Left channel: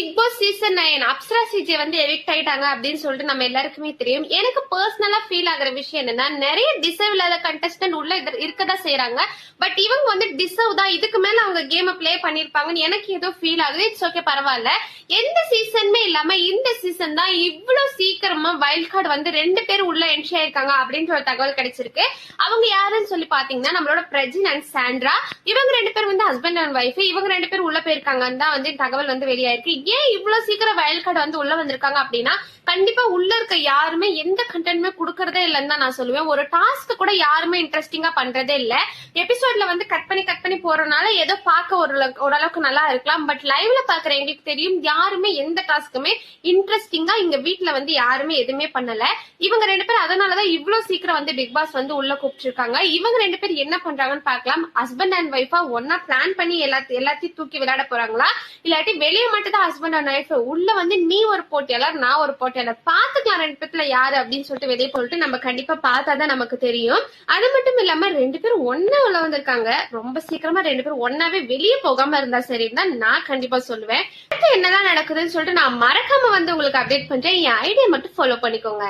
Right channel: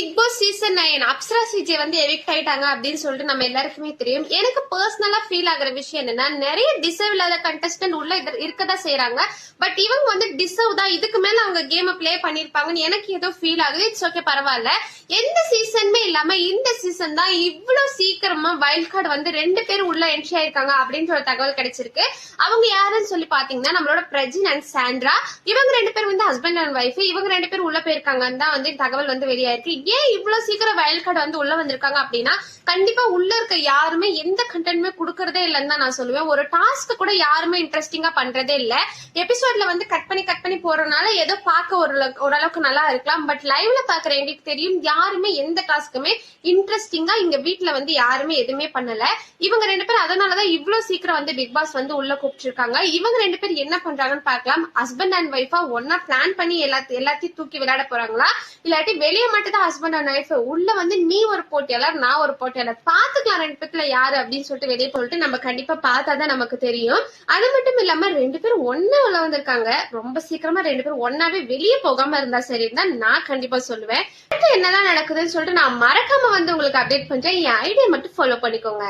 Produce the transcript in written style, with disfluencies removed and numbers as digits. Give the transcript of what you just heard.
Big Boss season 9 Apsara CJ வந்து evict ஆயிட்டாங்க அப்படின்னு சொல்லிட்டு நம்ம எல்லாருக்குமே தெரியும். எனக்கு பர்சனலா ஃபீல் ஆகுற விஷயம் என்னன்னா, நிறைய டிசர்வ் இல்லாத கண்டஸ்டன்ட் உள்ள இருக்கதா செய்யறாங்க. பட் இவங்க வந்து டிசர்வ் தான், இதுக்கு மேல அவங்க கேம் பிளே பண்ணிருப்பாங்கன்னு எனக்கு ஏதோ ஃபீல் ஆகுது. இட்ஸ் ஓகே, பரவாயில்ல. எந்த சீசனுமே இல்லாம இந்த சீசன் தான் இவ்வளவு சீக்கிரமா வைல்ட் கார்டு வந்து 2 பேரும் உள்ள என்ட்ரி ஆயிருக்காங்க அப்படின்னு ஒரு தகவல் கிடைச்சிருக்கு. அவங்க யாருன்னு சொல்லி பாத்தீங்கன்னா, நம்மளோட பிரஜின் அண்ட் சாண்ட்ரா. இவங்க 2 பேர் வந்து ஹஸ்பண்ட் அண்ட் ஒய்ஃப். இவங்க 2 பேர் உள்ள போயிருக்காங்கன்னு தான் வந்து தகவல் வந்து வெளியாயிருக்கு. ஏன் இவ்வளவு சீக்கிரம் வைல்ட் கார்டு வந்து உள்ள வந்திருக்காங்க அப்படின்னா, கண்டிப்பா உள்ள இருக்க யாருமே எந்த கண்டென்ட்மே குடுக்கறதே இல்லன்னு தான் நான் சொல்லுவேன். ஒரு டாஸ்க் கூட யாருமே இன்ட்ரெஸ்டிங்கா பண்றதே இல்ல. எபிசோட்ல வந்து கட் பண்ணி போறதுனால ஏதோ பார்க்க ஓரளவுக்கு நல்லா இருக்கலாம். பட் லைவ்ல பாக்குற எங்களுக்கு தெரியும், யாருமே எந்த டாஸ்க்குமே இன்ட்ரெஸ்டிங்கா இங்க வீட்டுல வந்து யாருமே எதுவுமே பண்ணல. இவங்க 2 பேரும் அதனாலதான் இவ்வளவு சீக்கிரம் வந்து பிக் பாஸ் வந்து உள்ள கூப்பிட்டுருக்காங்க. இவங்க 2 பேர் என்ன பண்றாங்கன்னு பாக்கலாம். ஹஸ்பண்ட் அண்ட் ஒய்ஃபா ஒன்னா பிளான் பண்ணி எல்லாத்தையும் தூக்கி விளையாட போறாங்களா, இல்லாட்டி வெளியே மட்டும் தான் ஹஸ்பண்ட் அண்ட் ஒய்ஃப், உள்ள வந்து நீ ஒரு போட்டியாளர் நான் ஒரு போட்டியாளர், பாத்துக்கலாம் 2 பேர்ல யாரு அப்படின்னு சொல்லிட்டு வெளியே போட்டு நம்ம கண்டிப்பா பார்த்தாதான் நமக்கு தெரியும். அது மட்டும் இல்லாம 2 பேரும் ஒன்னா உள்ள வந்திருக்காங்க. ரொம்ப சீக்கிரமா 2 பேரும் ஒன்னாவே வெளியே போகாம இருந்தா சரிதான் நான் கண்டிப்பா சொல்லுவேன். என்னதான் நடக்குதுன்னு சொல்லிட்டு நான் மறக்காம வந்து உங்களுக்கு அப்டேட் பண்றேன். என் ஐடியா மட்டும் ஃபாலோ பண்ணிக்கோங்க.